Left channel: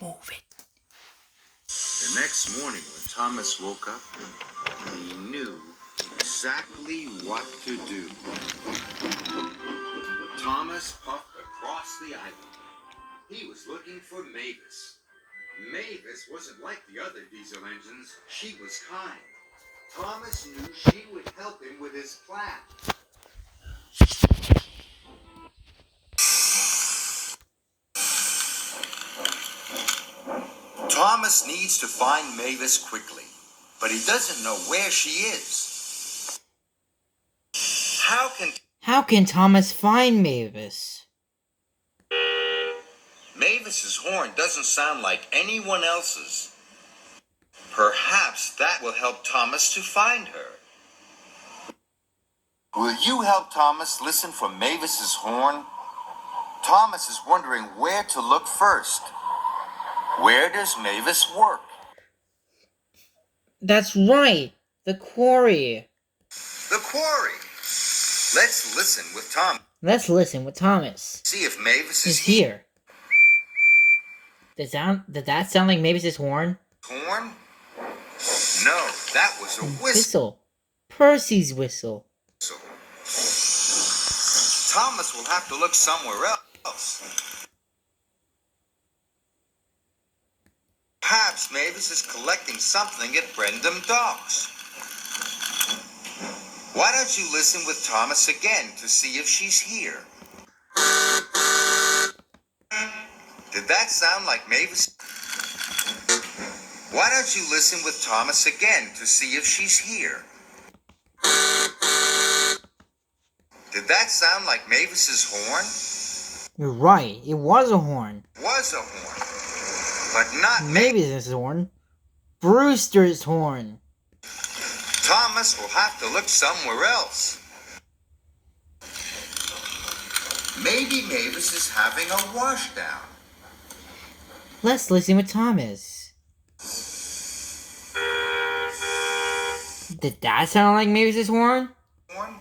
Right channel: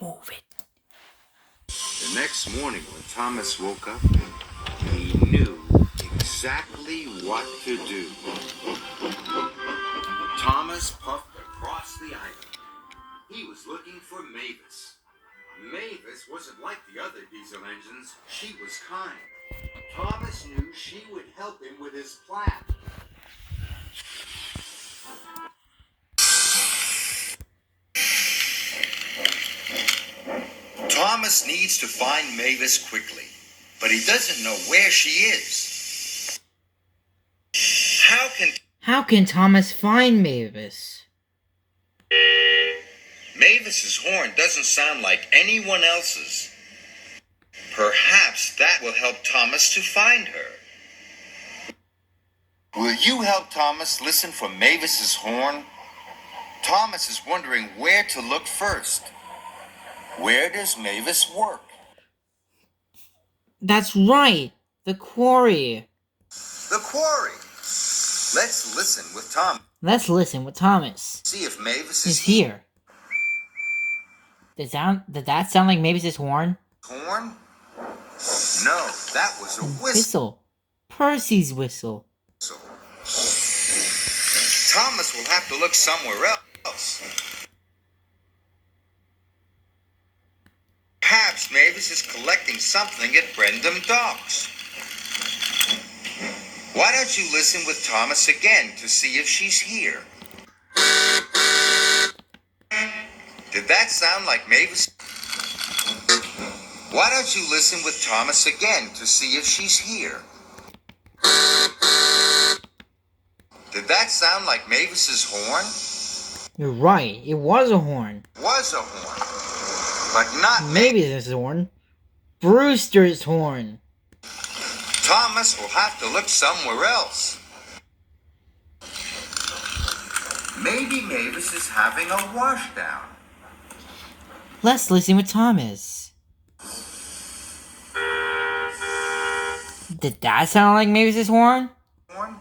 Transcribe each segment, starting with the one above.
Move it. The next morning when Thomas woke up, he knew exactly what to do. Thomas puffed across the island. He was looking for Mavis. Mavis wasn't like the other diesel engines. She was kind. Thomas knew she would help him with his plan. Thomas needs to find Mavis quickly, but he doesn't know where she is. How can Thomas find Mavis? Mavis's horn doesn't sound like anyone else's. Perhaps that will help Thomas to find her. Will you help Thomas listen for Mavis's horn? Thomas is wondering where to look first. Where does Mavis work? That's right. The quarry. The quarry. Let's listen with Tom. Let's listen with Thomas. See if Mavis is here. Did that sound like Mavis's horn? Horn? No, that was a whistle. Percy's whistle. Thomas will have to look somewhere else. Perhaps Mavis is collecting something at Brendam Docks. Why don't you listen with Thomas again to see if she's here? Did that sound like Mavis? Why don't you listen with Thomas again to see if she's here? Did that sound like Mavis's horn? You're right. It was a horn. Was a horn, but not Mavis's horn. Brewster's horn. Thomas will have to look somewhere else. Maybe Mavis is having a washdown. Let's listen with Thomas. Did that sound like Mavis's horn? Horn?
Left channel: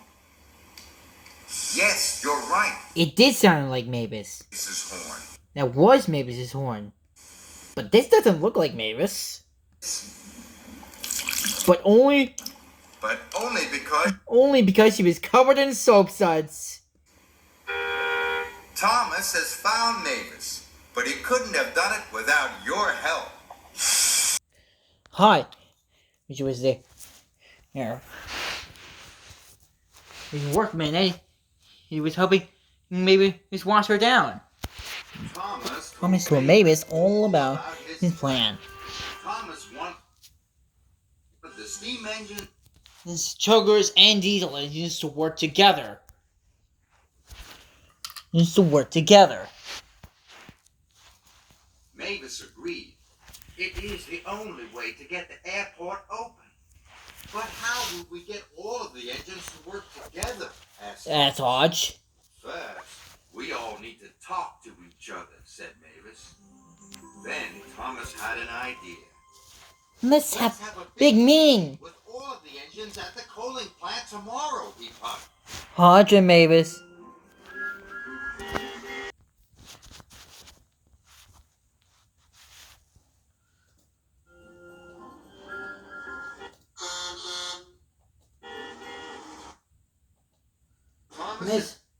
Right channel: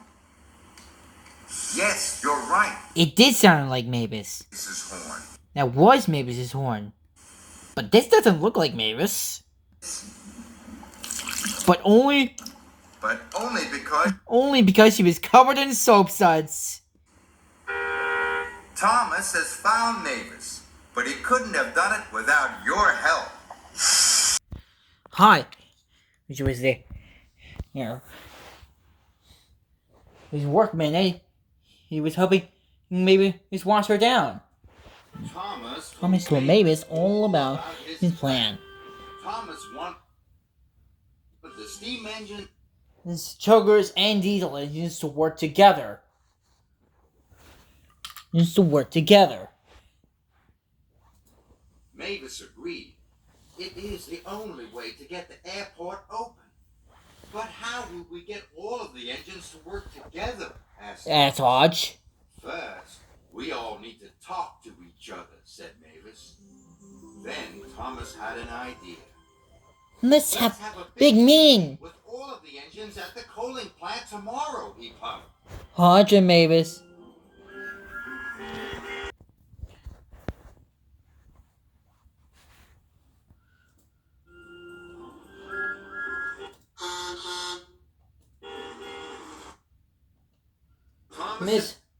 Yes, you're right. It did sound like Mavis. Mavis's horn. That was Mavis's horn. But this doesn't look like Mavis. But only because she was covered in soap suds. Thomas has found Mavis, but he couldn't have done it without your help. Hi. Which was the workman, eh? He was hoping maybe just wash her down. Thomas told Mavis all about his plan. Thomas wanted the steam engine. His chuggers and diesel engines to work together. Mavis agreed. It is the only way to get the airport open. But how would we get all of the engines to work together? That's Hodge. First, we all need to talk to each other, said Mavis. Then Thomas had an idea. Let's have a big meeting with all of the engines at the coaling plant tomorrow, he puffed. Hodge and Mavis.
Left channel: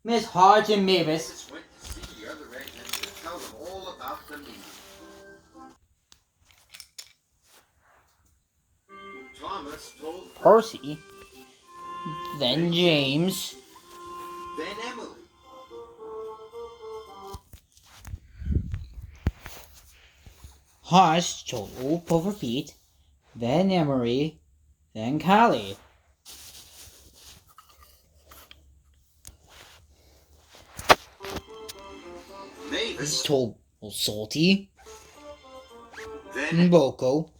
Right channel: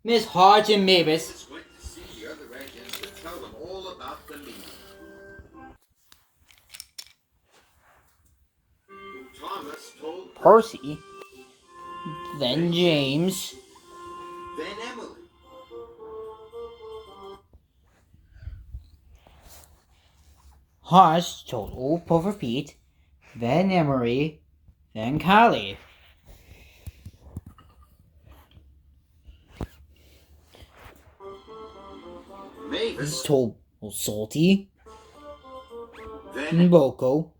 Miss Hodge and Mavis went to see the other engines to tell them all about the meeting. Thomas told Percy, then James, then Emily. Hodge told old Puffer Pete, then Emery, then Callie. Mavis told Salty, then Boko,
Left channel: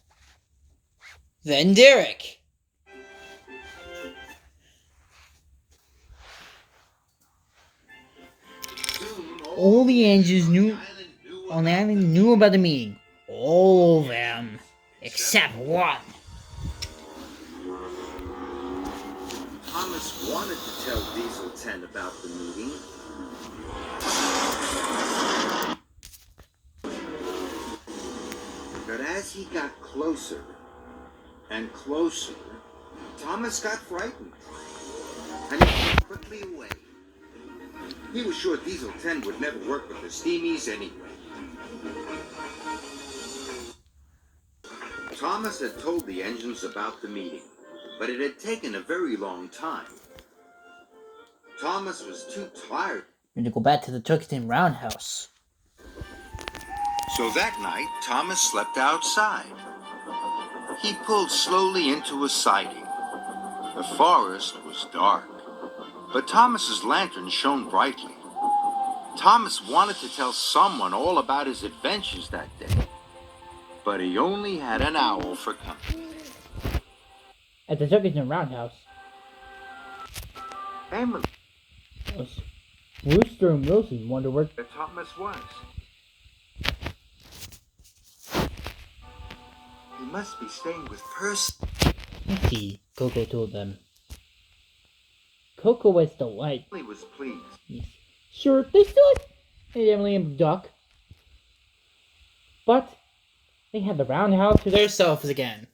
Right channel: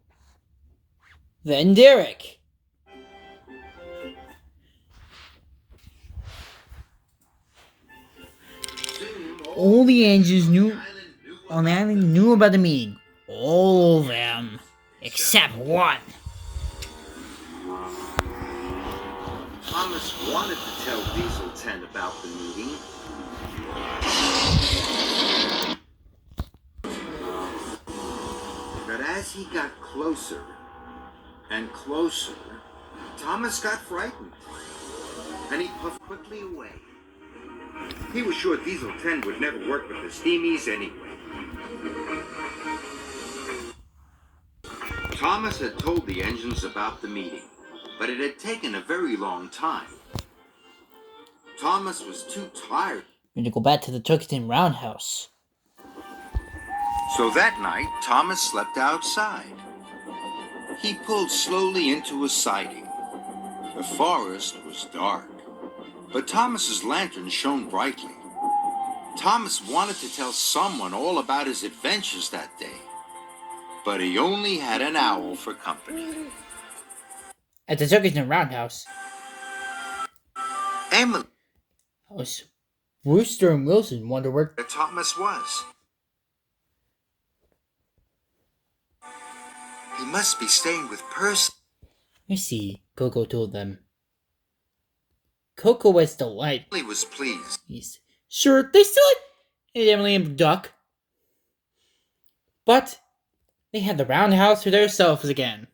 then Derek. All the engines on the island knew about the meeting. All of them, except one. Thomas wanted to tell Diesel 10 about the meeting. But as he got closer and closer, Thomas got frightened, and he walked quickly away. He was sure Diesel 10 would never work with the Steamies anyway. Thomas had told the engines about the meeting, but it had taken a very long time. Thomas was too tired. We're gonna go back to the Turkington Roundhouse. So that night, Thomas slept outside. He pulled slowly into a siding. The forest was dark, but Thomas's lantern shone brightly. Thomas wanted to tell someone all about his adventures that day, but he only had an owl for company. At the Turkington Roundhouse, Emily was Rooster and Wilson wonder where Thomas was. He must be staying with Percy. I see, Coco told them. Coco was delighted. Emily was pleased. Yes. Sure, they still had Emily and Duck. But they had the roundhouse to themselves again.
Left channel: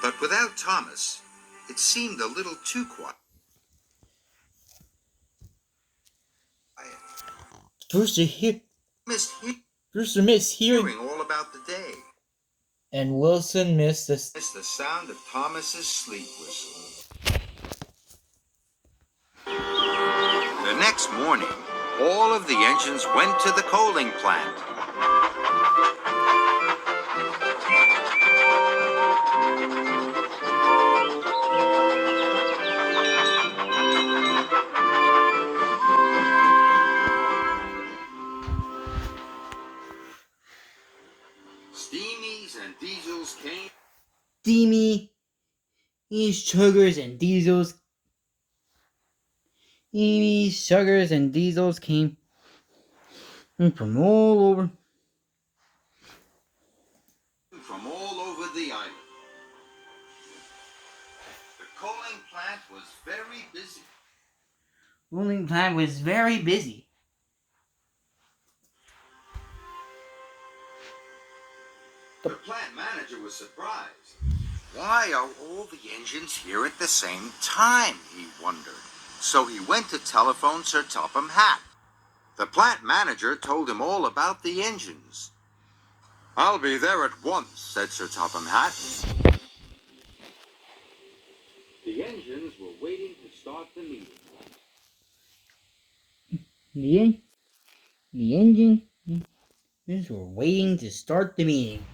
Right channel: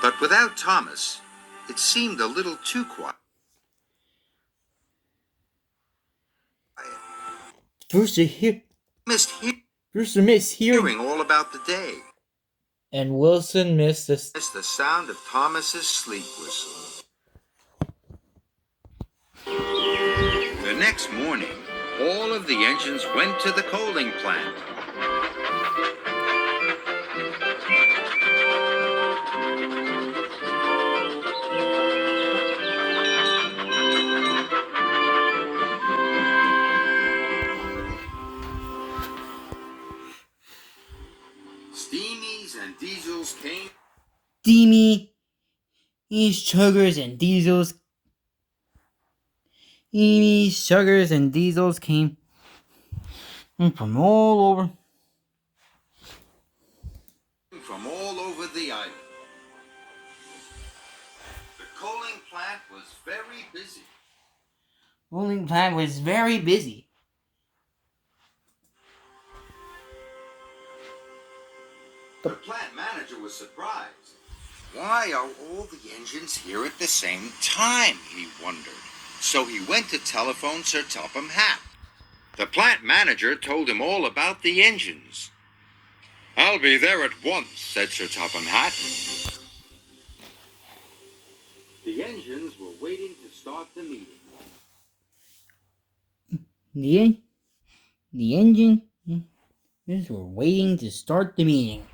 But without Thomas, it seemed a little too quiet. Brewster Brewster missed hearing, all about the day. and Wilson missed the It's the sound of Thomas's sleep whistle. The next morning, all of the engines went to the coaling plant. Steamies and diesels came. steamy sugars and diesels. Steamy sugars and diesels came from all over. From all over the island. The coaling plant was very busy. Rolling plant was very busy. The plant manager was surprised. Why are all the engines here at the same time, he wondered. So he went to telephone Sir Topham Hatt. The plant manager told him all about the engines. I'll be there at once, said Sir Topham Hatt. The engines were waiting to start the meeting. The engines were waiting to start the meeting.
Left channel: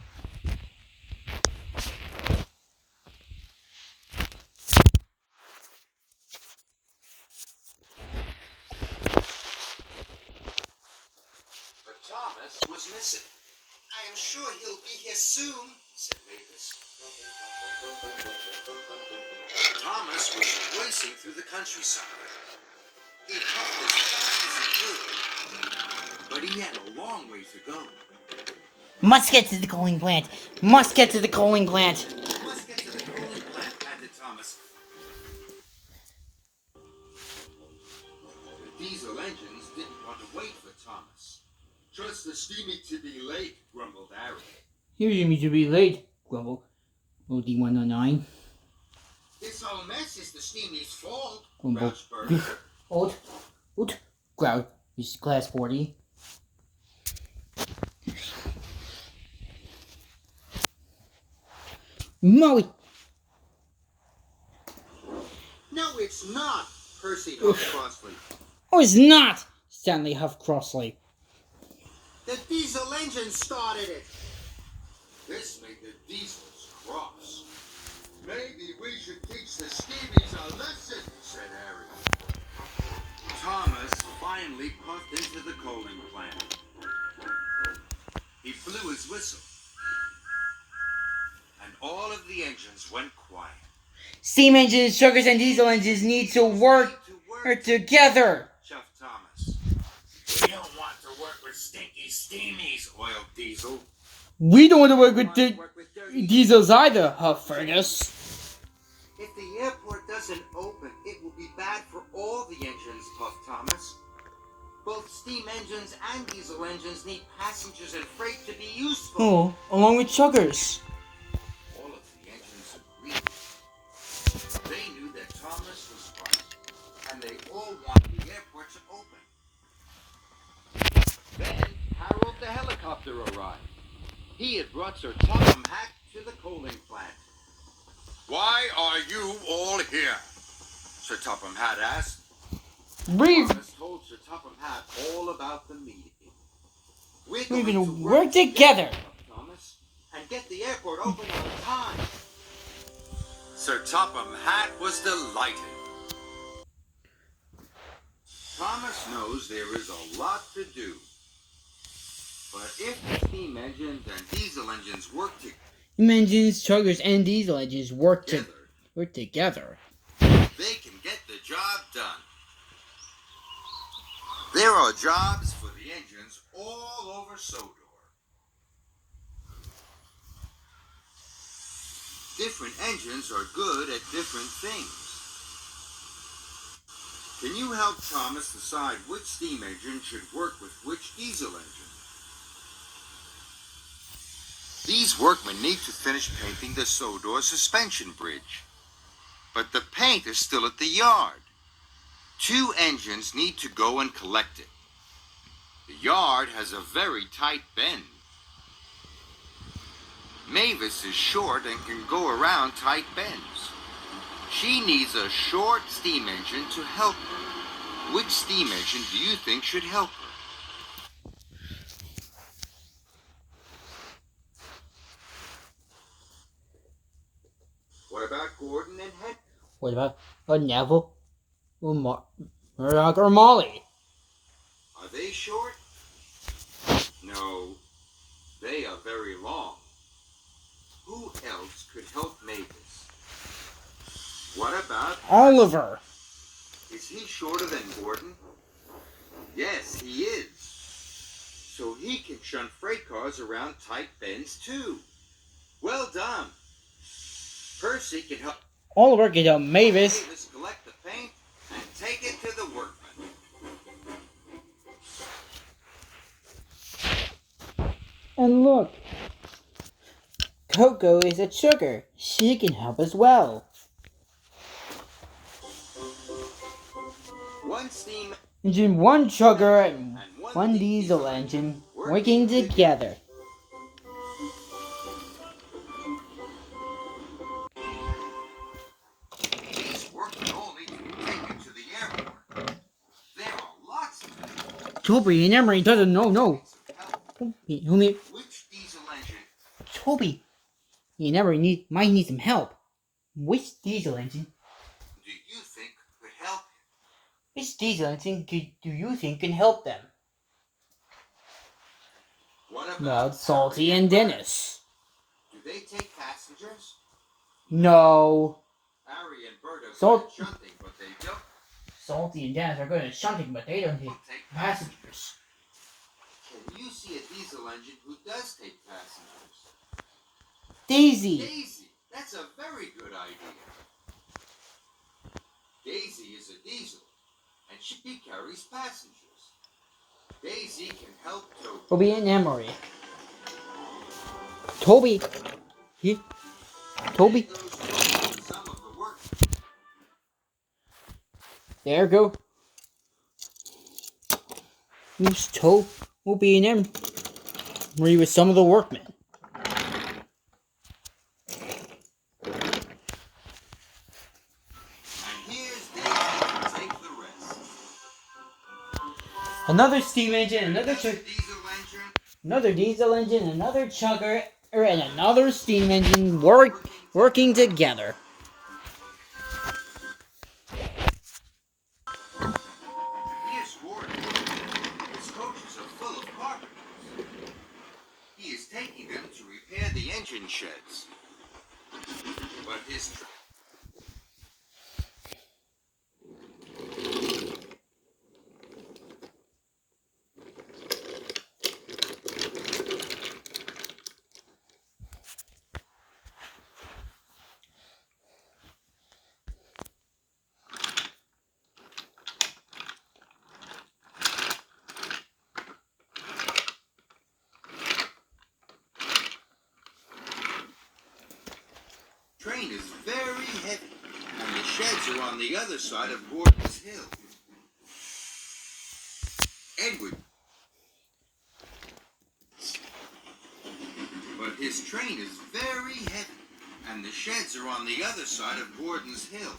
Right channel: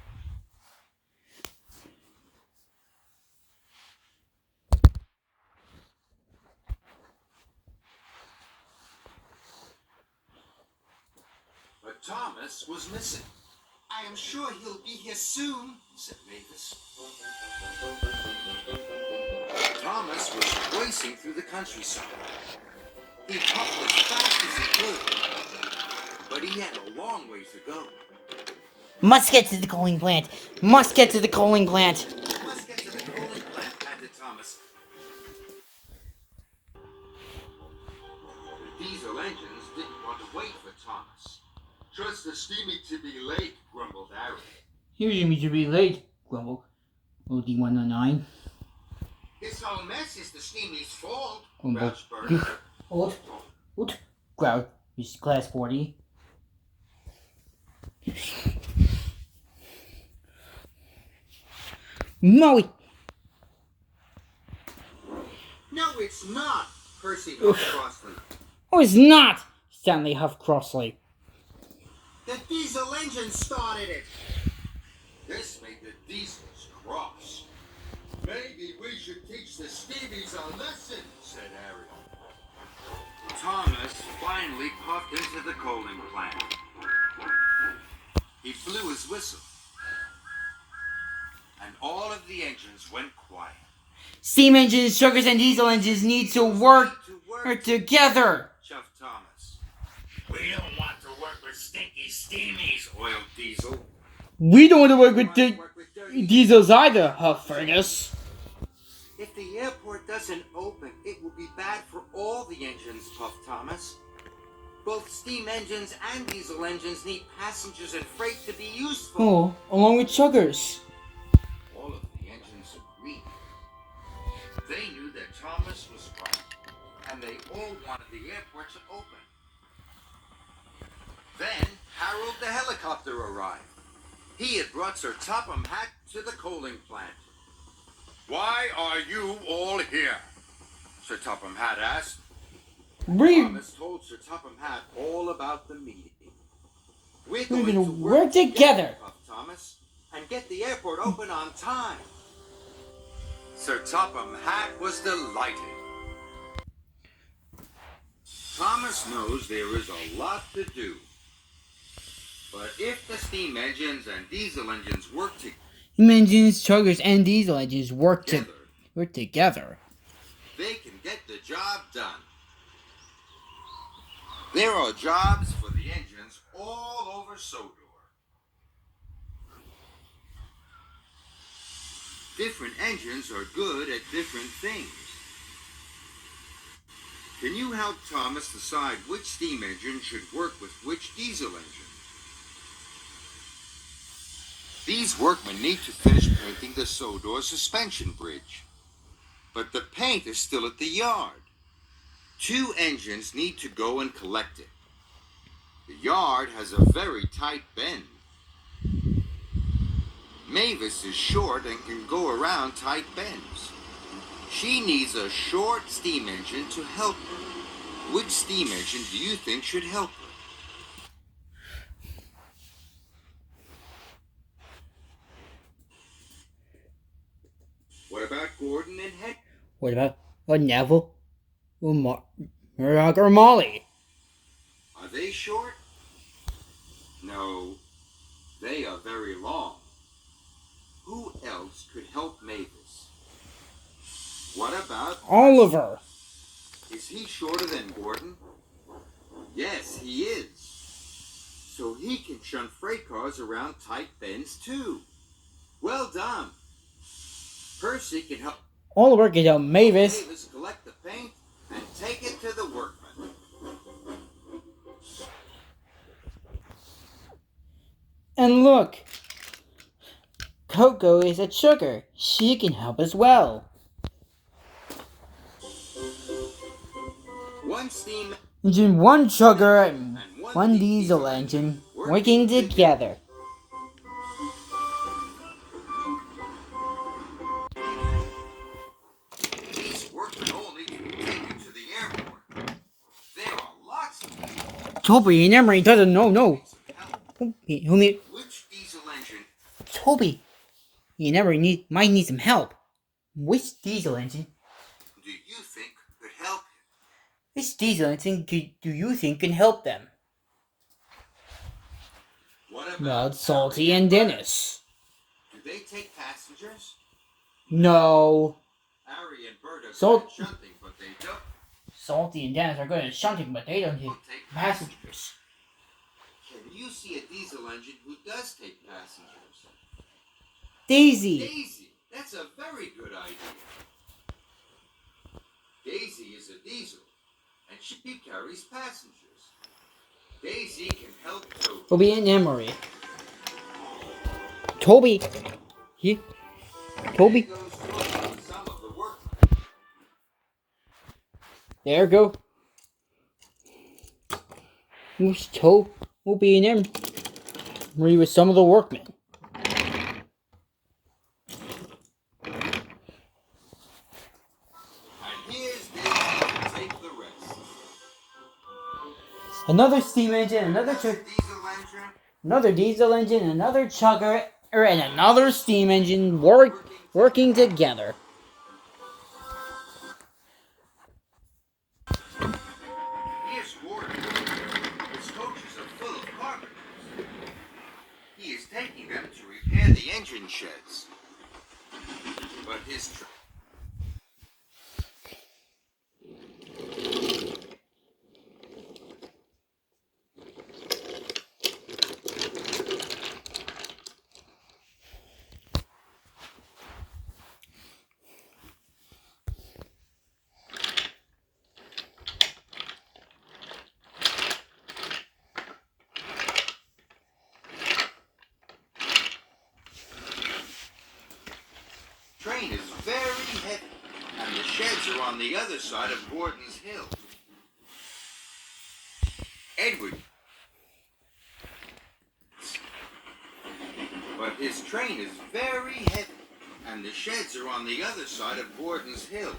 But Thomas was missing. I am sure he'll be here soon, said Mavis. Thomas was racing through the countryside. He puffed as fast as he could, but he had a long way to go. Must get to the coaling plant. Must get to the coaling plant. Let's get to the coaling plant, panted Thomas. The diesel engines didn't want to wait for Thomas. Trust the steamy to be late, grumbled Harry. Here's me to be late, grumbled OD109. This whole mess is the steamy's fault, Grumbled. grouched Bert. Oot, growled Mr. Class 40. Moe! No, it's not, Percy huffed crossly. Oh, it's not! Stanley huffed crossly. The diesel engine started it. This made the diesels cross. Maybe we should teach the steamies a lesson, said Harry. Thomas finally puffed into the coaling plant. He blew his whistle. And all of the engines went quiet. Steam engines, sugars, and diesel engines need to work together. Chuffed Thomas. We don't want to work with stinky steamies, oiled Diesel. We don't want to work with dirty diesels either, huffed Fergus. If the airport doesn't open, it will be bad for all the engines, puffed Thomas. Both steam engines and diesel engines need passengers and freight to be useful. Oh, along with sugars. All of the engines agreed. They knew that Thomas was right, and they all wanted the airport to open. Then Harold the helicopter arrived. He had brought Sir Topham Hatt to the coaling plant. Why are you all here? Sir Topham Hatt asked. Thomas told Sir Topham Hatt all about the meeting. We're going to work together, Thomas, and get the airport open on time. Sir Topham Hatt was delighted. Thomas knows there is a lot to do. But if the steam engines and diesel engines work together, chuggers, and diesel engines work together, they can get the job done. There are jobs for the engines all over Sodor. Different engines are good at different things. Can you help Thomas decide which steam engine should work with which diesel engine? These workmen need to finish painting the Sodor suspension bridge. But the paint is still at the yard. 2 engines need to go and collect it. The yard has a very tight bend. Mavis is short and can go around tight bends. She needs a short steam engine to help her. Which steam engine do you think should help her? What about Gordon and Henry? What about Neville, or Murdoch, or Molly? Are they short? No, they are very long. Who else could help Mavis? What about Oliver? Is he shorter than Gordon? Yes, he is. So he can shunt freight cars around tight bends too. Well done. Percy can help Oliver can help Mavis. Mavis collect the paint and take it to the workmen. And look, Coco is a sugar. She can help as well. One steam Engine, one sugar, and one diesel engine working together. These workmen all need to be taken to the airport. There are lots of them. Toby and Emery doesn't know. Which diesel engine? Toby and Emery might need some help. Which diesel engine? Do you think could help him? Which diesel engine do you think can help them? What about Well, Salty and Dennis. Do they take passengers? No. Harry and Bert are Salt- good at shunting, but they don't Salty and Dennis are good at shunting, but they don't take take passengers. Can you see a diesel engine who does take passengers? Daisy. Daisy. That's a very good idea. Daisy is a diesel, and she carries passengers. Daisy can help Toby. Toby and Emery. Toby. Toby. There goes Toby and some of the work. There go. Who's Toby and Emery with some of the workmen. And here's Daisy to take the rest. Another steam engine, another Diesel engine. another diesel engine, another chugger, and another steam engine working together. Here's Gordon. His coaches are full of carpenters. He is taking them to repair the engine sheds. But his Train is very heavy, and the sheds are on the other side of Gordon's Hill. Edward. But his train is very heavy, and the sheds are on the other side of Gordon's Hill.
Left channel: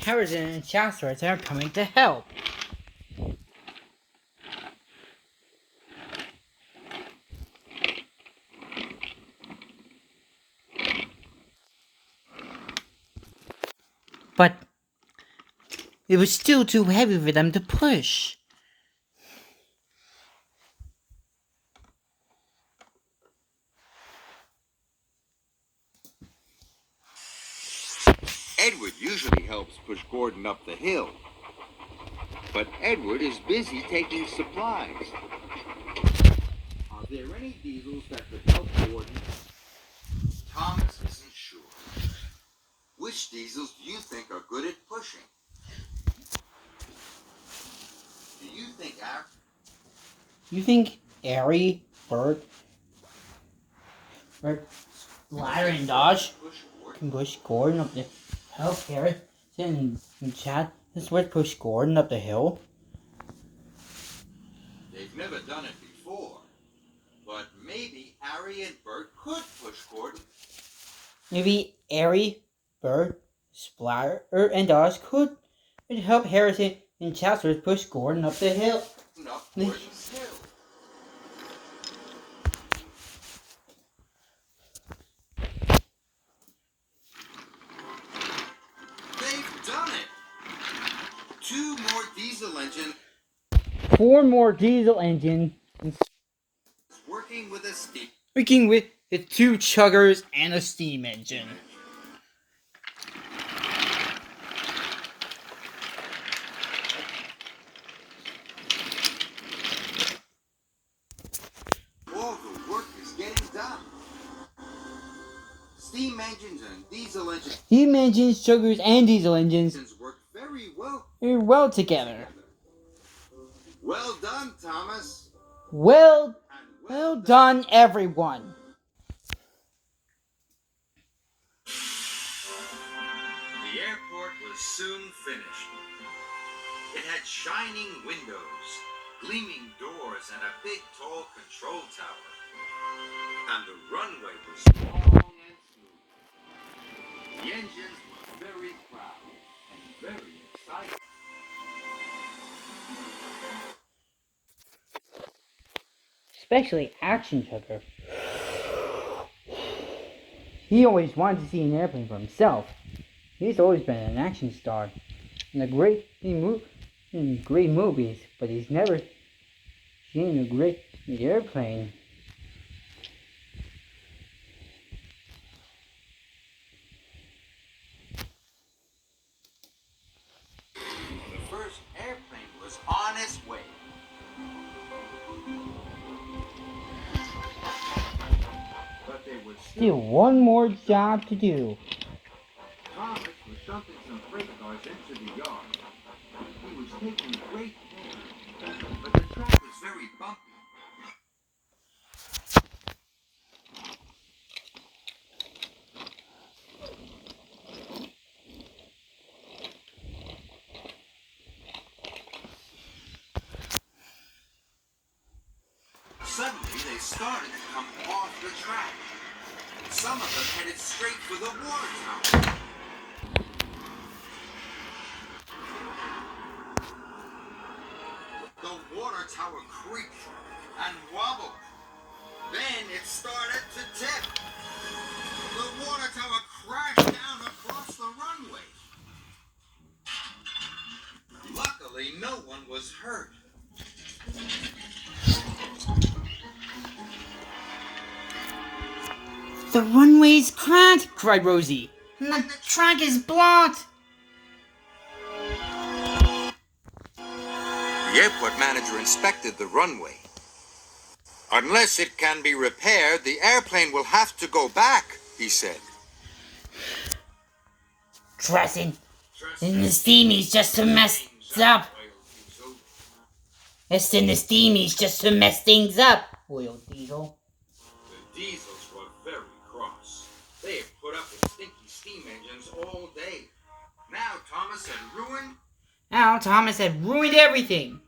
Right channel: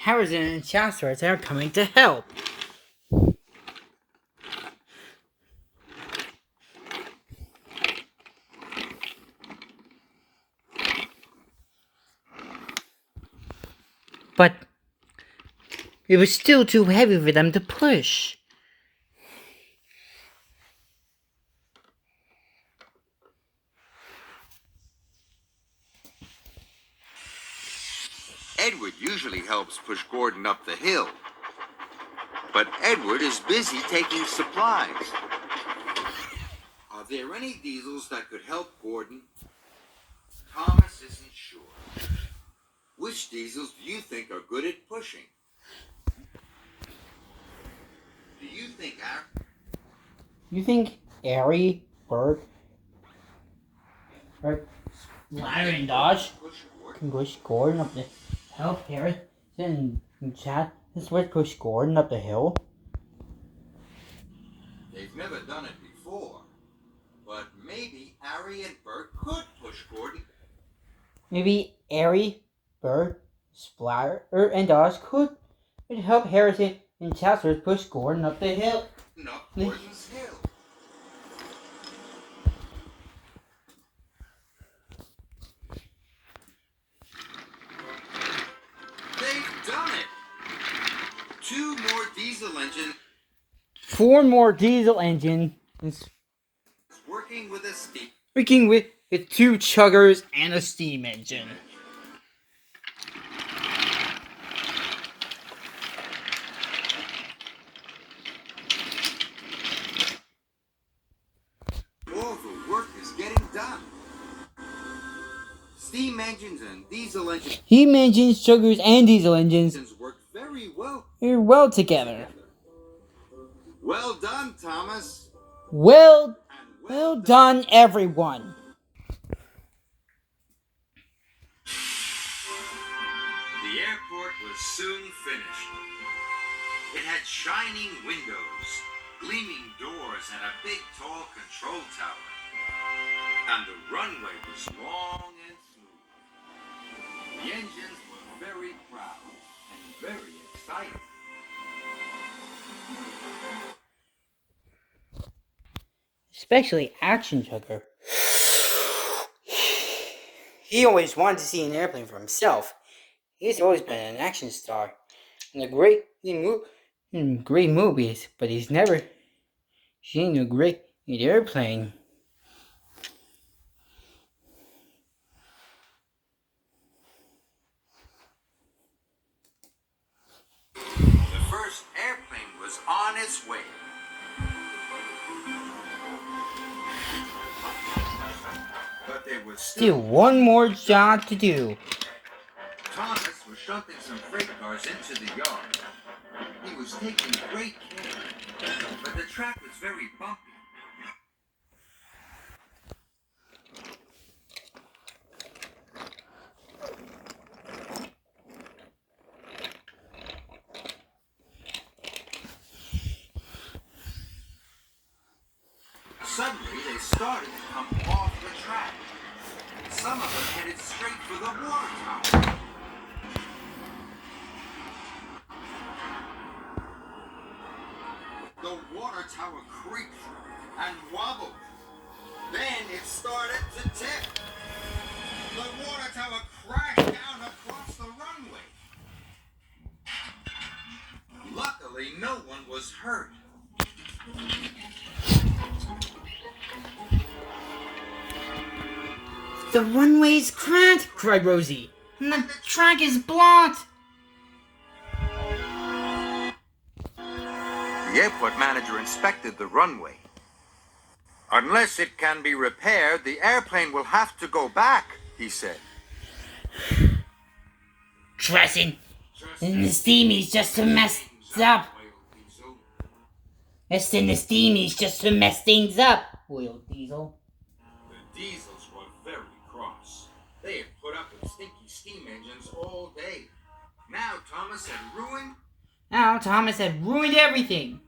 Harrison and Chester are coming to help. But it was still too heavy for them to push. Edward usually helps push Gordon up the hill. But Edward is busy taking supplies. Are there any diesels that could help Gordon? Thomas isn't sure. Which diesels do you think are good at pushing? Do you think You think Ari, Bert, Larry and Dodge can push Gordon up the hill? Harrison and Chad, this would push Gordon up the hill? They've never done it before. But maybe Ari and Bert could push Gordon. Maybe Ari, Bert, Splatter, and Dodge could help Harrison and Chester push Gordon up the hill. Up Gordon's Hill. They've done it. 2 more diesel engines. 4 more diesel engines. Working with a steam. Working with 2 chuggers and a steam engine. All the work is getting done. Steam engines and diesel engines. Steam engines, chuggers, and diesel engines Work very well. Well together. Well done, Thomas. Well done, everyone. The airport was soon finished. It had shining windows, gleaming doors, and a big tall control tower. And the runway was long and smooth. The engines were very proud and very excited. Especially Action Chugger. He always wanted to see an airplane for himself. He's always been an action star in great movies, but he's never seen a great airplane. The first airplane was on its way. But there was Still one more job to do. Thomas was shoving some freight cars into the yard. He was taking great care, but the track was very bumpy. Suddenly, they started to come off the track. Some of them headed straight for the water tower. The water tower creaked and wobbled. Then it started to tip. The water tower crashed down across the runway. Luckily, no one was hurt. The runway's cracked, cried Rosie. And the track is blocked. The airport manager inspected the runway. Unless it can be repaired, the airplane will have to go back, he said. Trusting the steamies just to mess up. Let's send the steamies just to mess things up, wailed Diesel. The Diesels were very cross. They had put up with stinky steam engines all day. Now Thomas had ruined everything.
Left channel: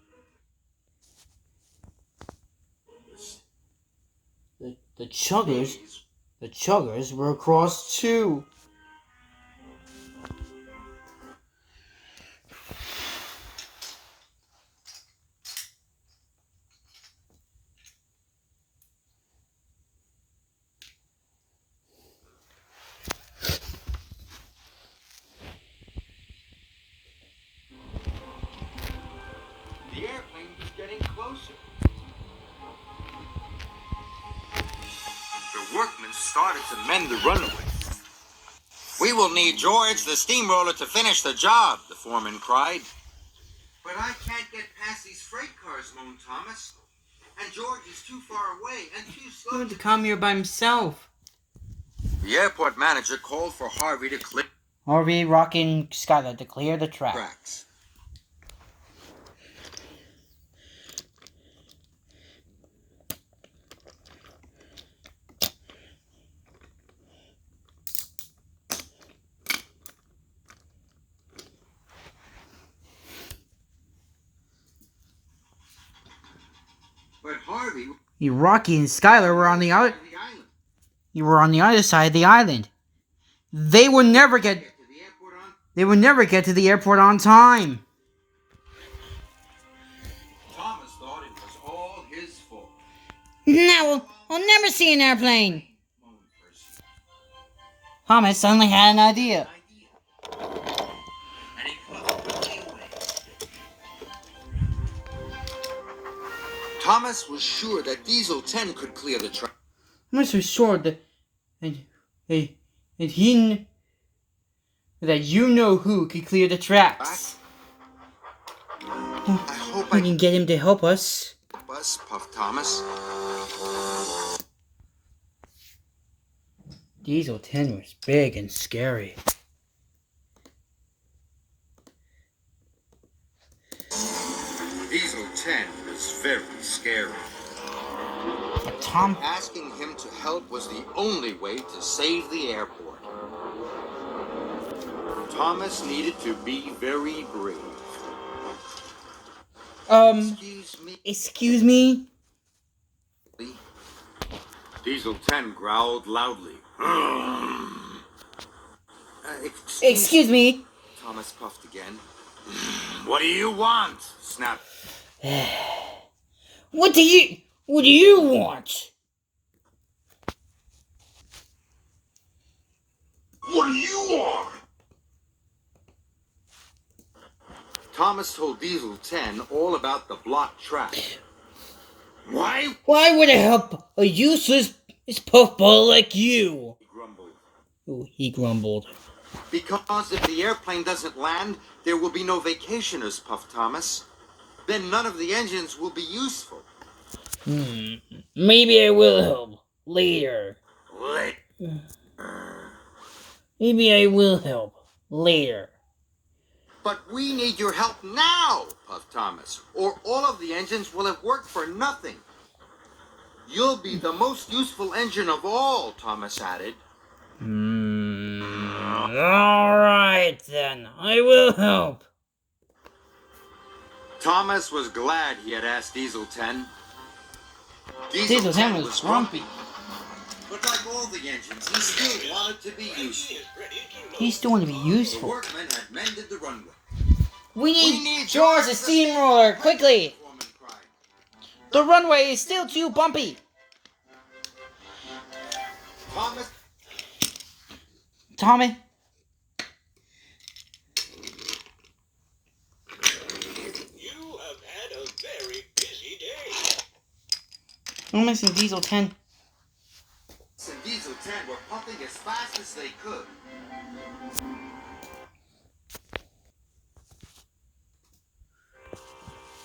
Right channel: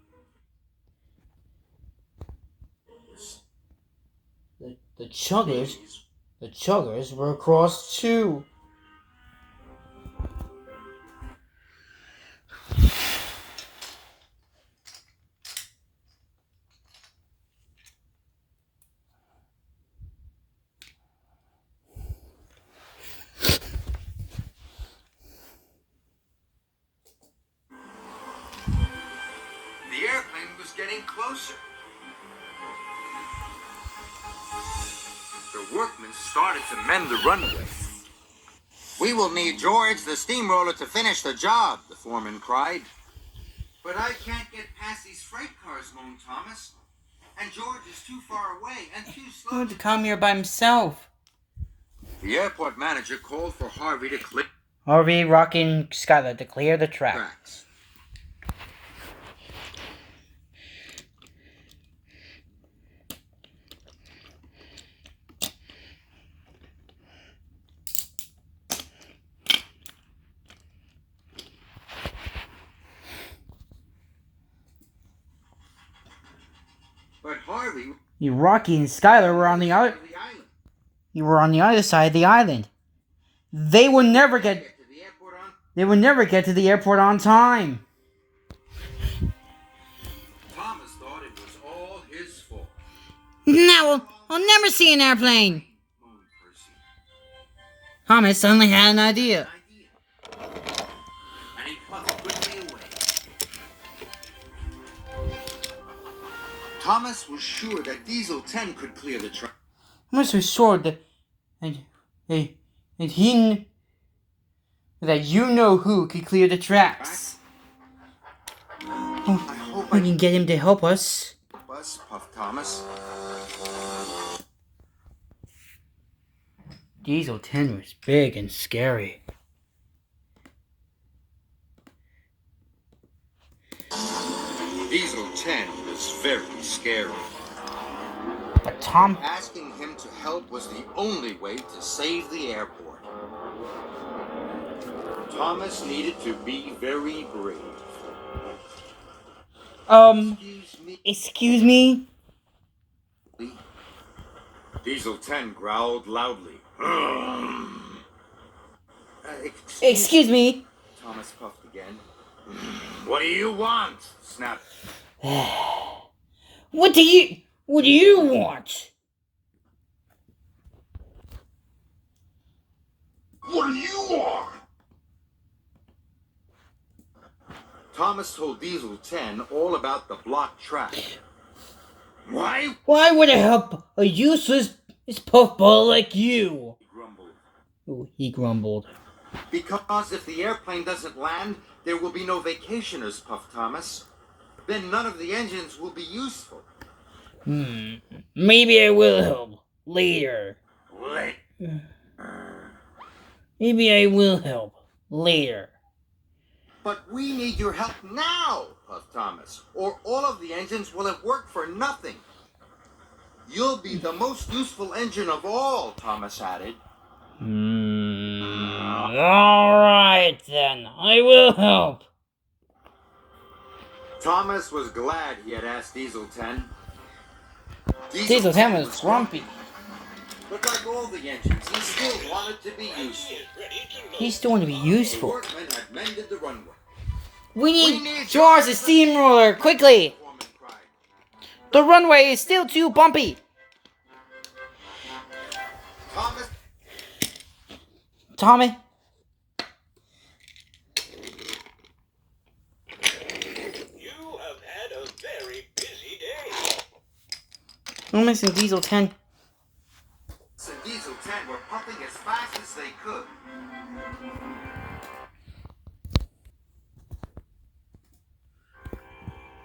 The chuggers were cross too. The airplane was getting closer. The workmen started to mend the runway. We will need George, the steamroller, to finish the job, the foreman cried. But I can't get past these freight cars, moaned Thomas. And George is too far away and too slow. He wanted to come here by himself. The airport manager called for Harvey to clear. Harvey, Rocky, and Skylar to clear the tracks. But Harvey, Rocky and Skylar were on the other. You were on the other side of the island. They would never get to the airport on time. Thomas thought it was all his fault. Now I'll never see an airplane. Thomas suddenly had an idea. And he puffed quickly away. Thomas was sure that Diesel 10 could clear the track. Thomas was sure that you know who could clear the tracks. We can get him to help us. Puffed Thomas. Diesel 10 was big and scary. Diesel 10 was very scary. But asking him to help was the only way to save the airport. Thomas needed to be very brave. Excuse me? Diesel 10 growled loudly. Excuse me? Thomas puffed again. What do you want? Snapped. What do you want? What do you want? Thomas told Diesel 10 all about the blocked track. Why? Why would I help a useless puffball like you? He grumbled. Oh, he grumbled. Because if the airplane doesn't land, there will be no vacationers, puffed Thomas. Then none of the engines will be useful. Maybe I will help later. Maybe I will help later. But we need your help now, puffed Thomas, or all of the engines will have worked for nothing. You'll be the most useful engine of all, Thomas added. Alright then, I will help. Thomas was glad he had asked Diesel 10. Diesel 10 was grumpy. But like all the engines, he still wanted to be useful. He still wanted to be useful. The workmen had mended the runway. We need George the steamroller, quickly! The runway is still too bumpy. Tommy? You have had a very busy day. I'm missing Diesel 10. So Diesel 10 were pumping as fast as they could.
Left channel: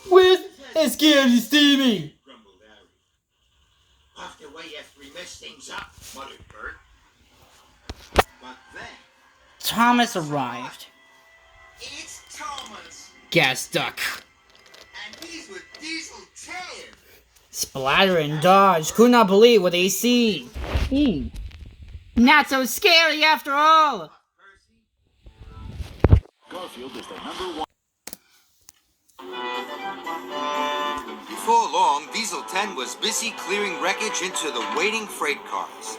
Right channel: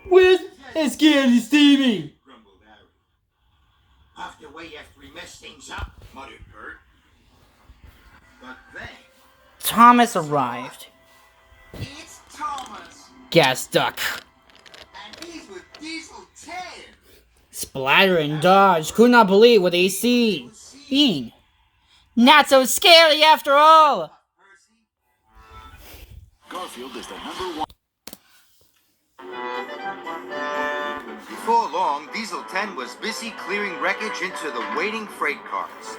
Where's scared and steamy? Grumbled Harry. away after we messed things up, muttered Bert. But then... Thomas arrived. It's Thomas! Gas duck. And he's with Diesel 10! Splatter and Dodge could not believe what they seen. Not so scary after all. Garfield is the #1. Before long, Diesel 10 was busy clearing wreckage into the waiting freight cars.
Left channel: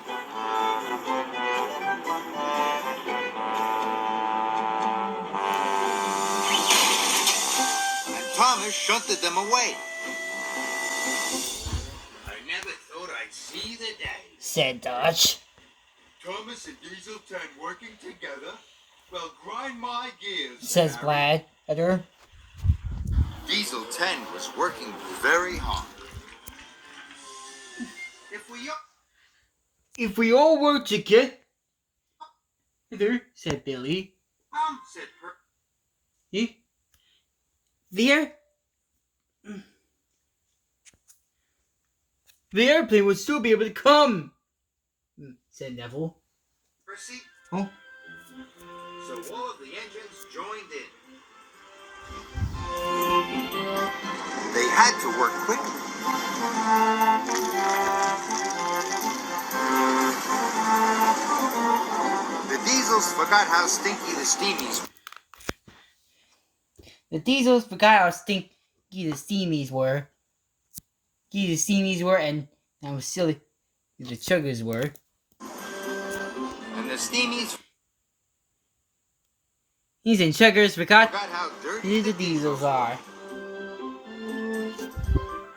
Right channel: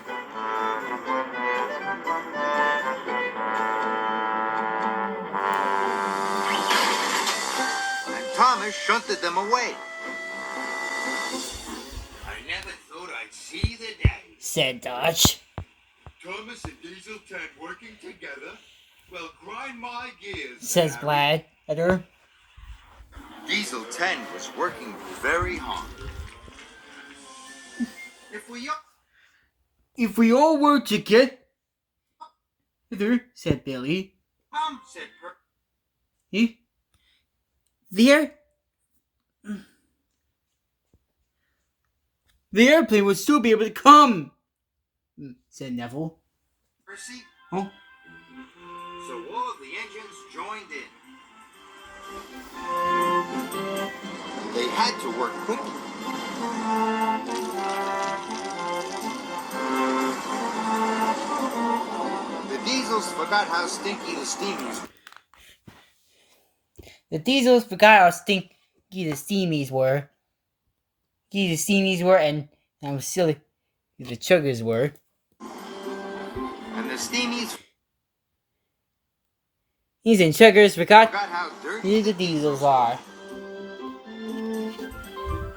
And Thomas shunted them away. I never thought I'd see the day, Said Dodge. Thomas and Diesel 10 working together? Well, grind my gears. Says Splatter. Diesel 10 was working very hard. If we all work together, said Billy. Said Per. The airplane would still be able to come, said Neville. Percy. Oh. So all of the engines joined in. They had to work quickly. The diesels forgot how stinky the steamies were. The Diesels forgot how stinky the Steamies were. And how silly the Chuggers were. And the steamies These and Chuggers forgot forgot how dirty who the Diesels are.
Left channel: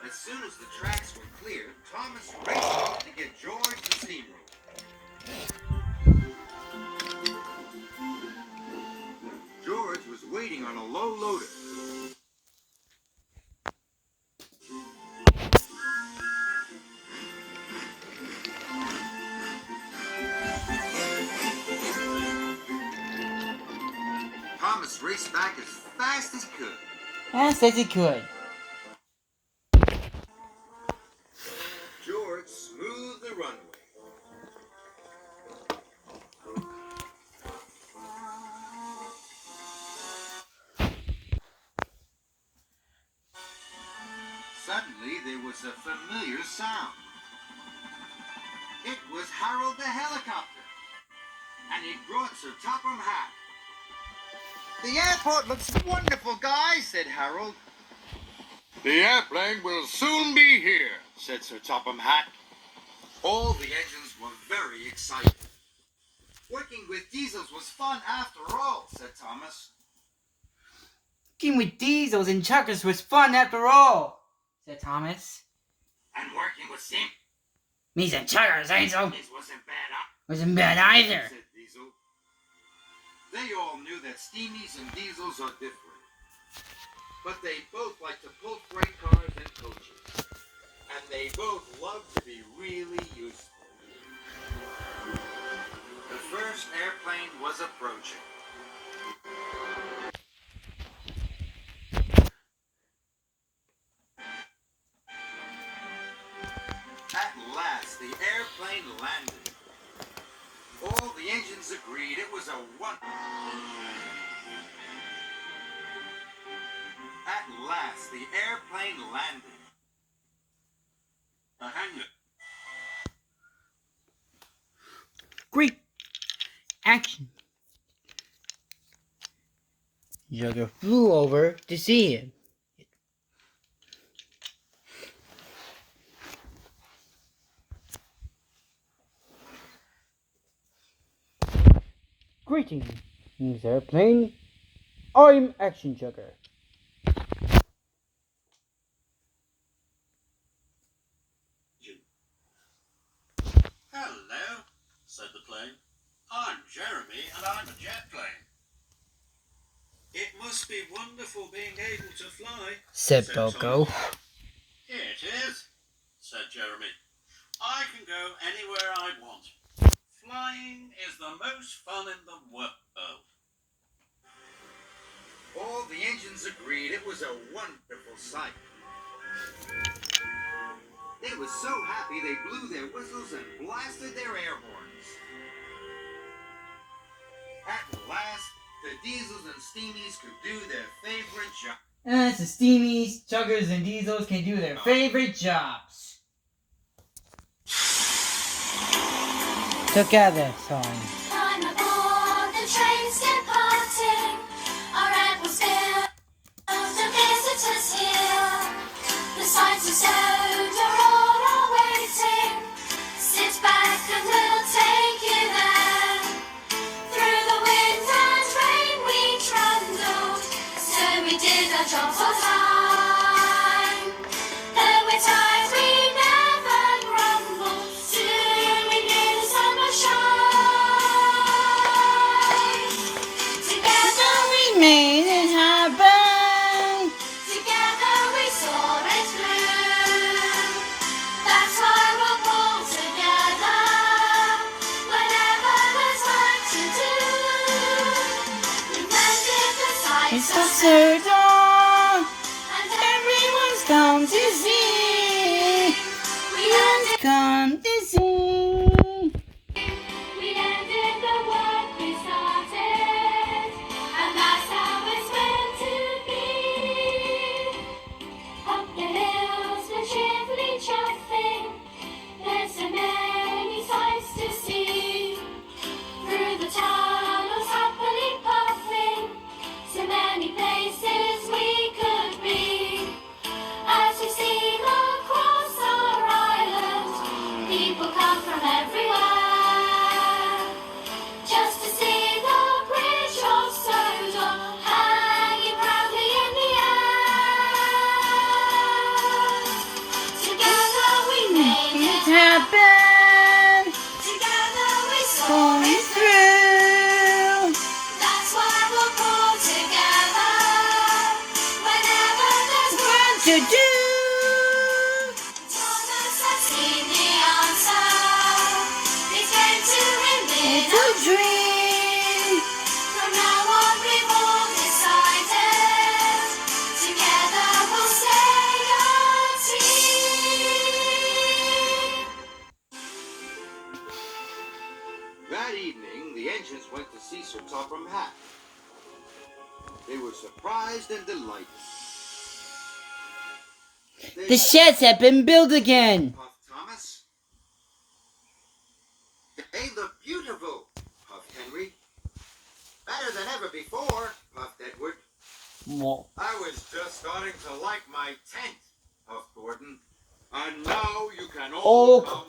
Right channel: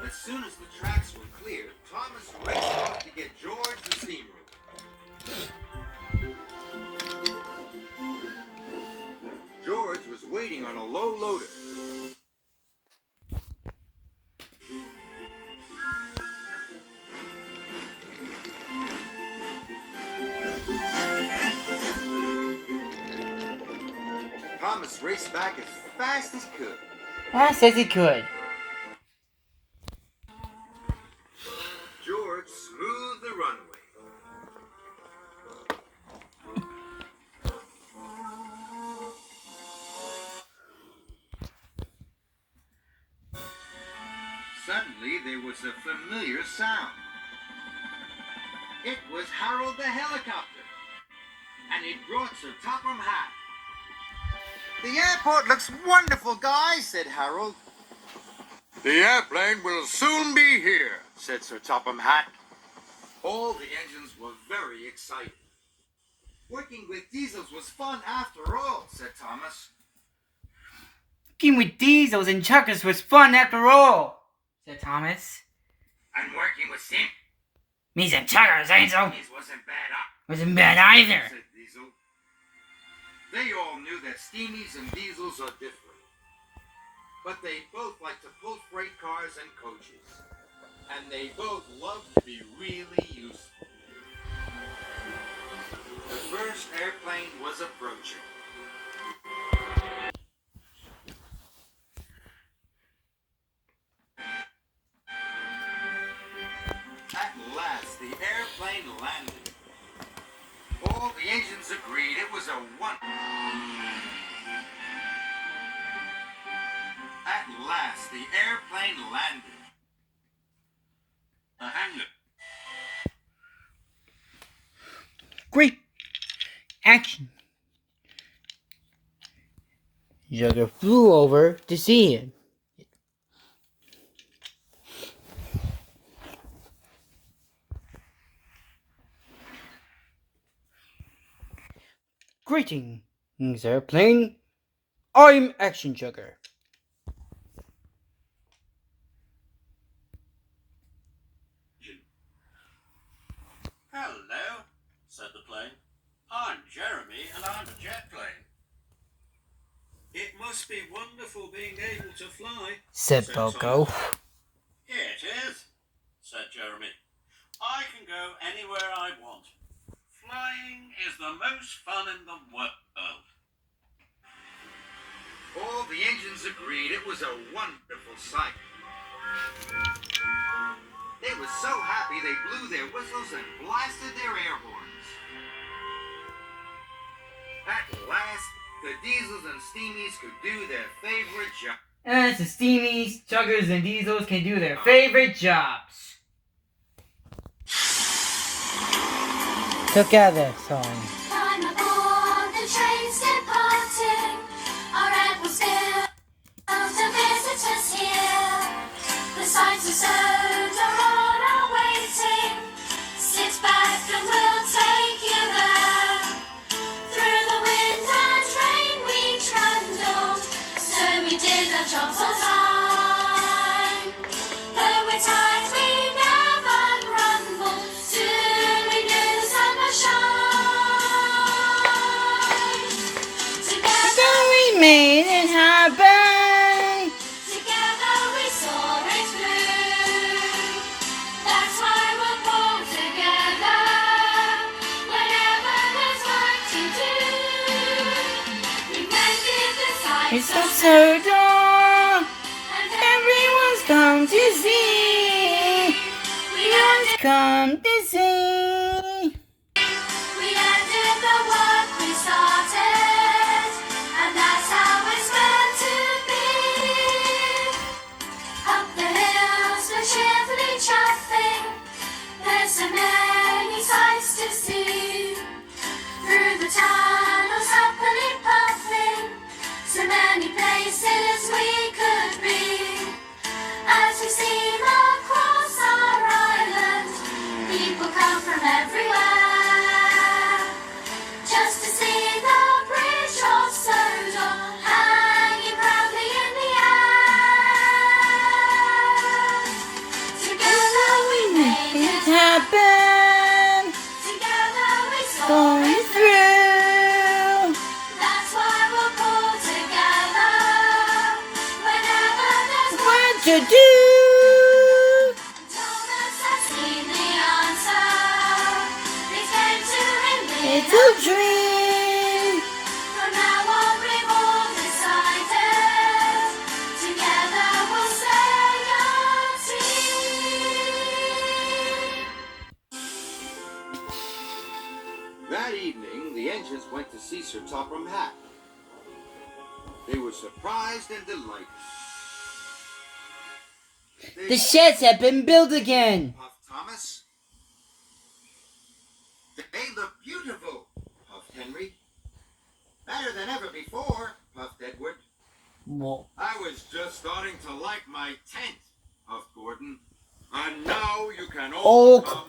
As soon as the tracks were clear, Thomas raced off to get George the steamroller. George was waiting on a low loader. Thomas raced back as fast as he could. Fast as he could. George smoothed the runway. Suddenly, there was a familiar sound. It was Harold the helicopter, and it brought Sir Topham Hatt. The airport looks wonderful, guys, said Harold. The airplane will soon be here, Said Sir Topham Hatt. All the engines were very excited. Working with diesels was fun after all, said Thomas. Working with Diesels and Chuggers was fun after all, said Thomas. And working with steam Me and Chuggers, ain't so? wasn't bad, Wasn't bad either. said Diesel. They all knew that steamies and diesels are different. But they both like to pull freight cars and coaches. And they both love to be really useful. The first airplane was approaching. At last, the airplane landed. All the engines agreed it was a one. At last, the airplane landed. The hangar. Great action. Jugger flew over to see him. Greetings, airplane. I'm Action Jugger. Hello, said the plane. I'm Jeremy, and I'm a jet plane. It must be wonderful being able to fly, Said Thomas. Boko. It is, said Jeremy. I can go anywhere I want. Flying is the most fun in the world. All the engines agreed it was a wonderful sight. They were so happy they blew their whistles and blasted their air horns. At last, the Diesels and Steamies could do their favorite job. And the Steamies, Chuggers, and Diesels can do their favorite jobs. Together song. Climb aboard the train's departing. Our atmosphere of the visitors here. The sights are sound are all are waiting. Sit back and we'll take you there. Through the wind and rain we trundled. So we did our jobs on time. There were times we never grumbled. Soon we knew the sun would shine. Together We made it happen. Together we saw it through. That's why we'll pull together whenever there's work to do. We mended the It's sights the third dawn. and Everyone's come to see. we ended Come to see. the work we started, and that's how it's meant to be. Up the hills we're cheerfully chuffing. There's so many sights to see. Through the tunnels happily puffing. So many places we could be. As we steam across our island, people come from everywhere. Just to see the bridge of Sodor hanging proudly in the air. Together we made It it. happened. Together we saw Going it. through. That's why we'll pull together whenever there's What work to do? Thomas has seen the answer. It came to him It's in a a dream. From now on we've all decided. Together we'll stay a team. That evening, the engines went to see Sir Topham Hatt. They were surprised and delighted. The sheds have been built again. puffed Thomas. They look beautiful, puffed Henry. Better than ever before, puffed Edward. Whoa. I was just starting to like my tent, puffed Gordon. And now you can all Oh, come.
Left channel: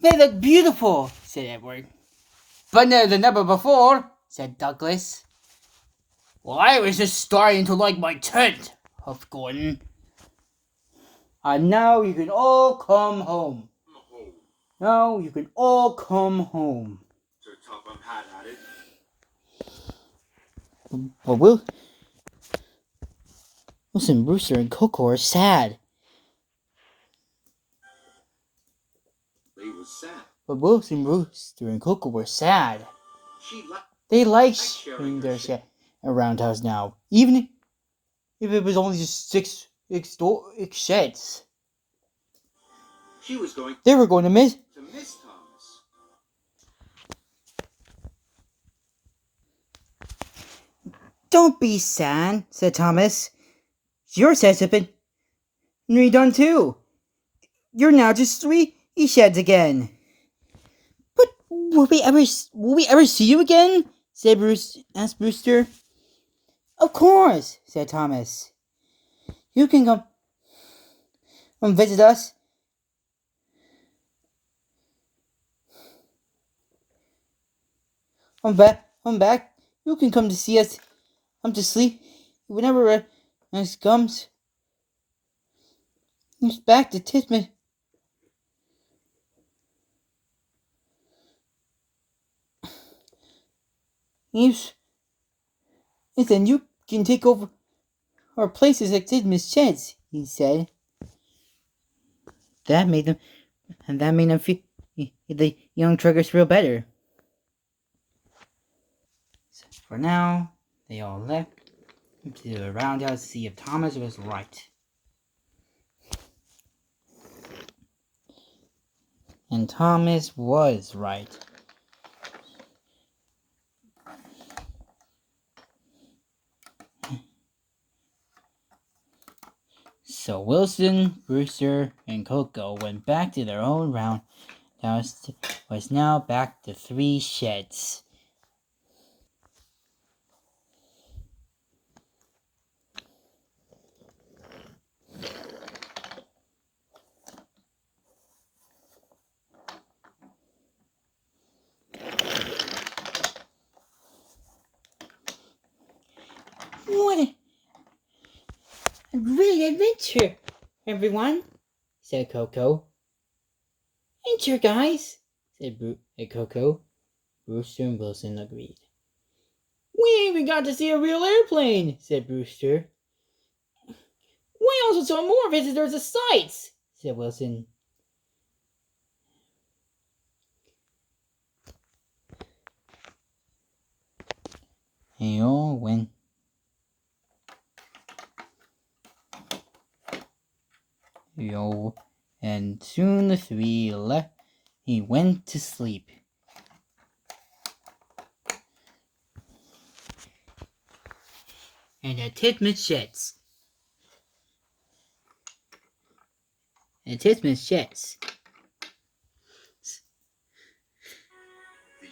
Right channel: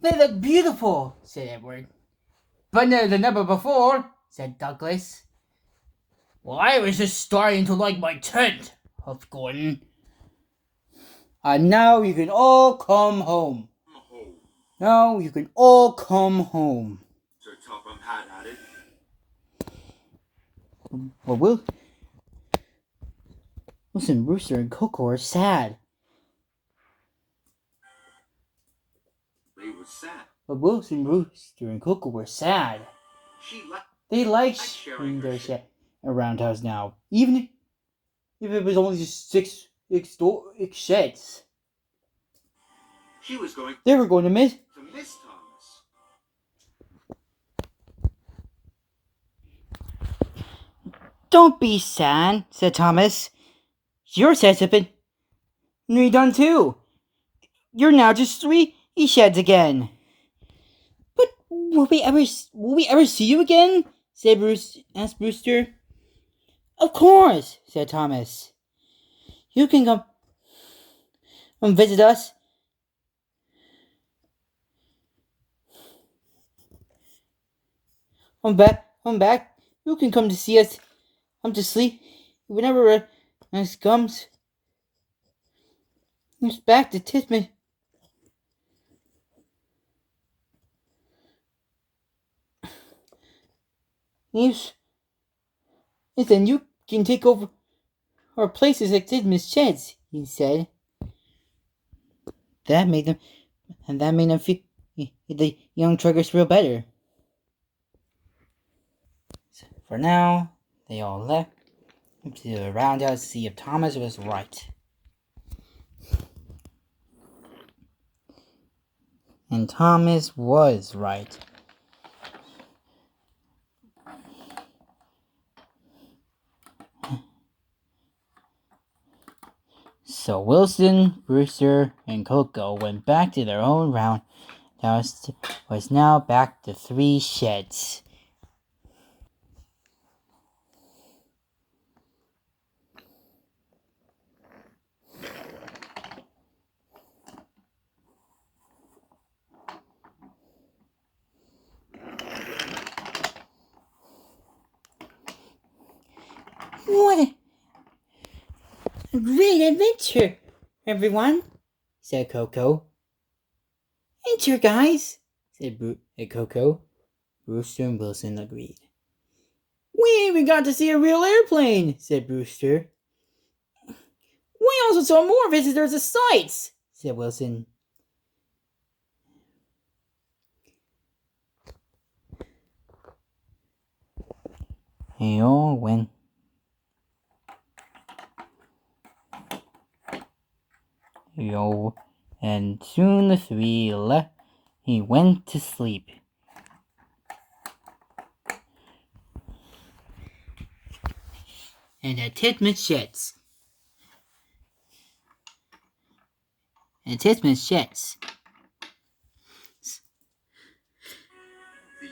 They look beautiful, said Edward. But no, the number before, said Douglas. Well, I was just starting to like my tent, huffed Gordon. And now you can all come home. Oh, Now you can all come home. Sir Topham Hatt added. Well, Wilson, Rooster, and Coco are sad. They were sad. But Wilson, Rooster, and Coco were sad. She liked They like sharing sharing her their shed. shed around house now, even if it was only just six sheds. She was going They were going to miss. to miss Thomas. Don't be sad, said Thomas. Your sheds have been redone too. You're now just three sheds again. But will we ever see you again? Asked Brewster. Of course, said Thomas. You can come visit us. I'm back. You can come to see us. I'm to sleep whenever night comes. It's back to Tisman. Yes, then you can take over our places at Tisman's sheds, he said. That made them feel the young truckers feel better. So for now, they all left to the roundhouse to see if Thomas was right. And Thomas was right. So Wilson, Brewster, and Coco went back to their own round. There was now back to 3 sheds. What a great adventure, everyone, said Coco. Ain't you guys? Said Coco. Brewster and Wilson agreed. We even got to see a real airplane, said Brewster. We also saw more visitors to sights, said Wilson. They all went. And soon the 3 left. He went to sleep. And at Titman's sheds.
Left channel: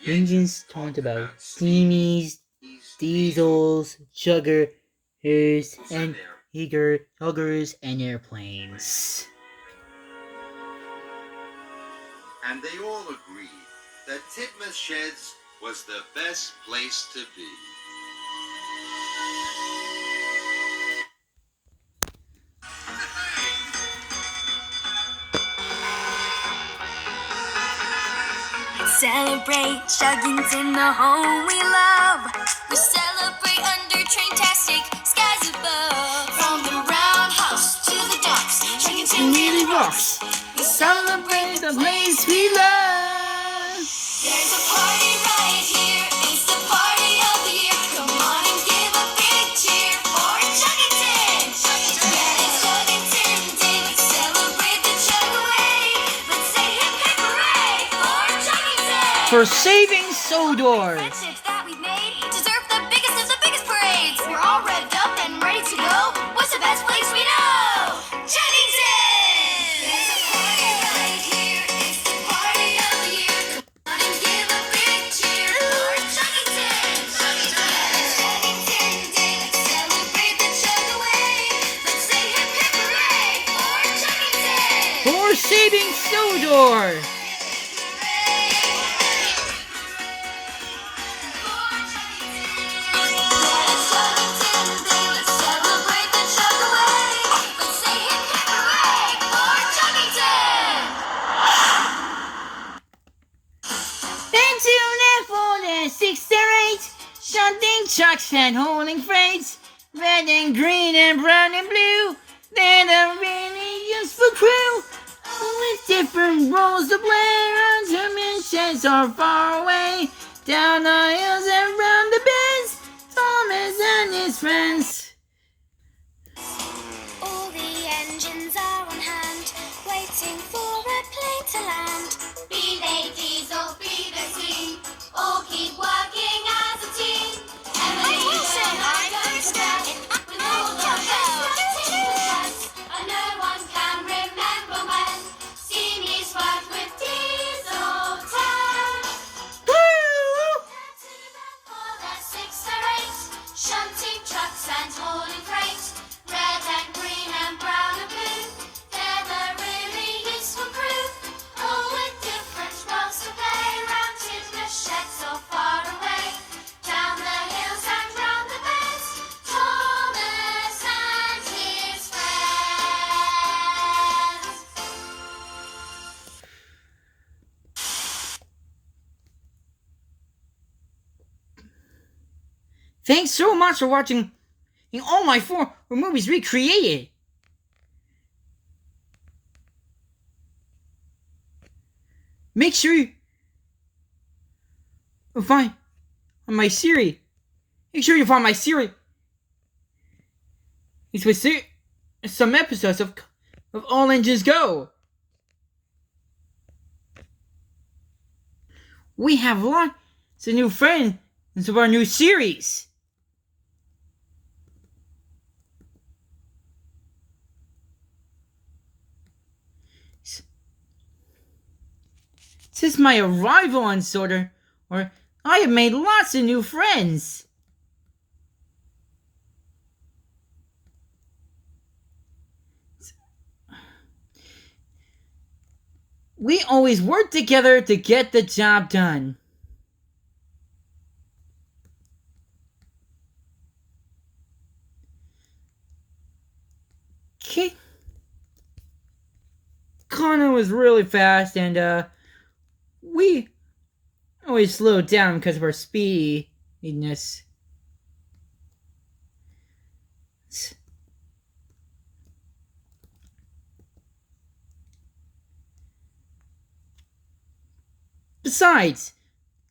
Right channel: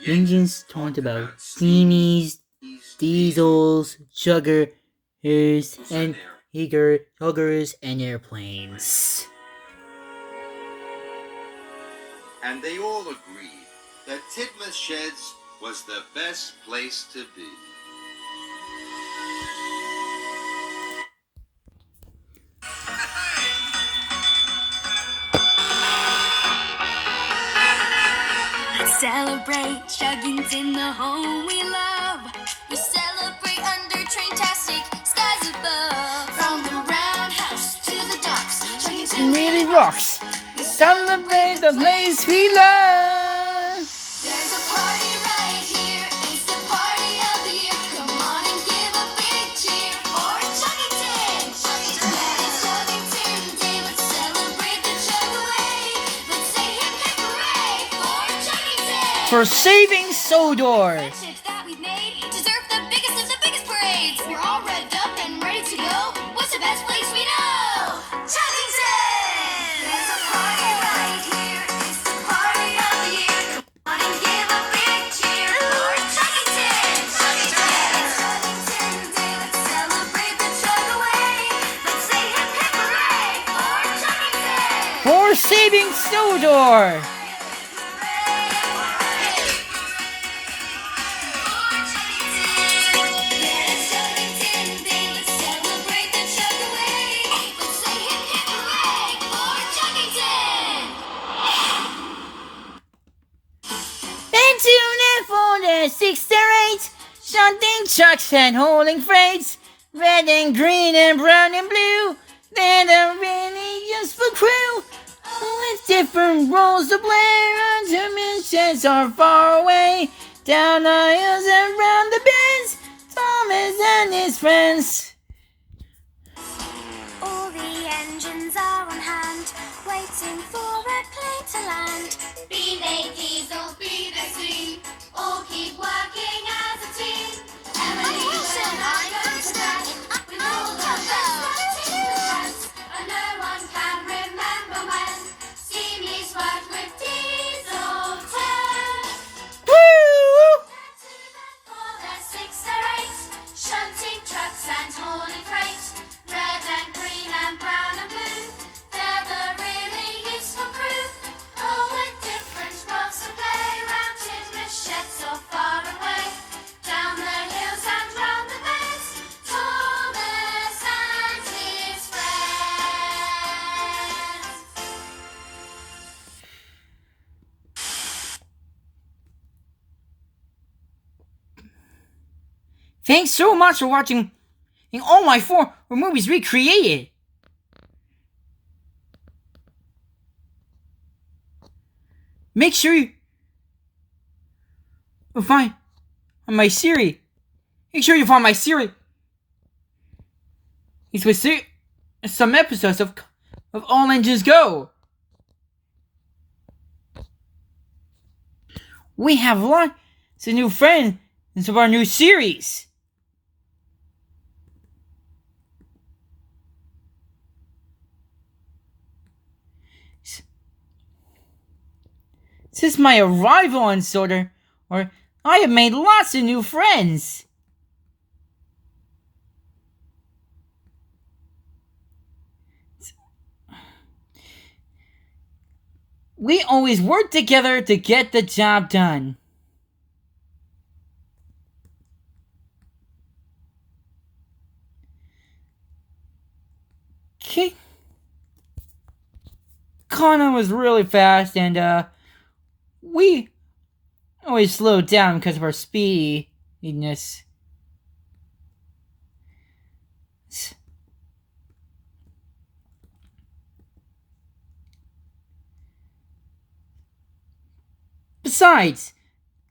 Engines talked about steamies, diesels, chuggers, and huggers, and airplanes. And they all agreed that Titmus Sheds was the best place to be. Celebrate chugging's in the home we love. We celebrate under train-tastic skies above. From the roundhouse to the docks, chugging's Nearly rocks. We Celebrate the place we love. There's a party right here. It's the party of the year. Come on and give a big cheer for Chuggington. Yeah, it's Chuggington Day. Let's celebrate the chug away. Let's say hip hip hooray for Chuggington. For saving Sodor. Friendships that we've made deserve the biggest of the biggest parades. We're all revved up and ready to go. What's the best place we know? Chuggington! There's a party right here. It's the party of the year. Come on and give a big cheer for Chuggington. It's Chuggington Day. Let's celebrate the chug away. Let's say hip hip hooray for Chuggington. For saving Sodor. And tune in for the 6 to 8. Shunting trucks and hauling freights. Red and green and brown and blue. They're the really useful crew. With different roles to play. Until missions are far away. Down the hills and round the bends. Thomas and his friends. All the engines are on hand, waiting for a plane to land. Be they diesel, be they steam, all keep working as a team. Emily, I'm Brewster. With all the best and no one can remember when Steamy's worked with Diesel 10. Woo! For their 6 or 8, shunting trucks and hauling freight. Red and green and brown and blue, they're the really useful crew. All with different roles to play, round in the sheds so far away. Down the hills and round the bends, Thomas and his friends. Thanks so much for watching all my 4 movies recreated. Make sure you find my series. Make sure you find my series. It's with some episodes of All Engines Go. we have lots of new friends of our new series. Since my arrival on Sorter, I have made lots of new friends. We always work together to get the job done. Connor was really fast, and we always slowed down because of our speediness. Besides,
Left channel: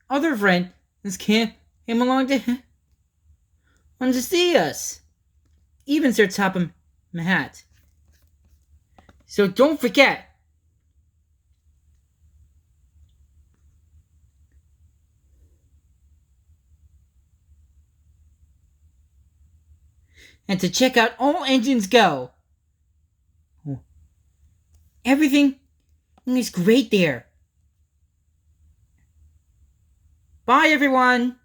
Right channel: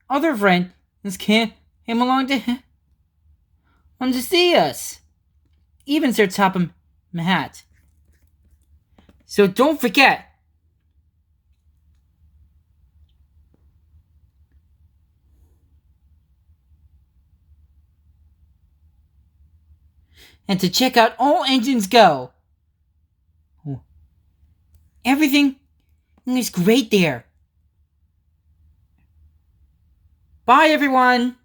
other friends came along to see us. Even Sir Topham Hatt. So don't forget. And to check out all engines go. Everything is great there. Bye, everyone.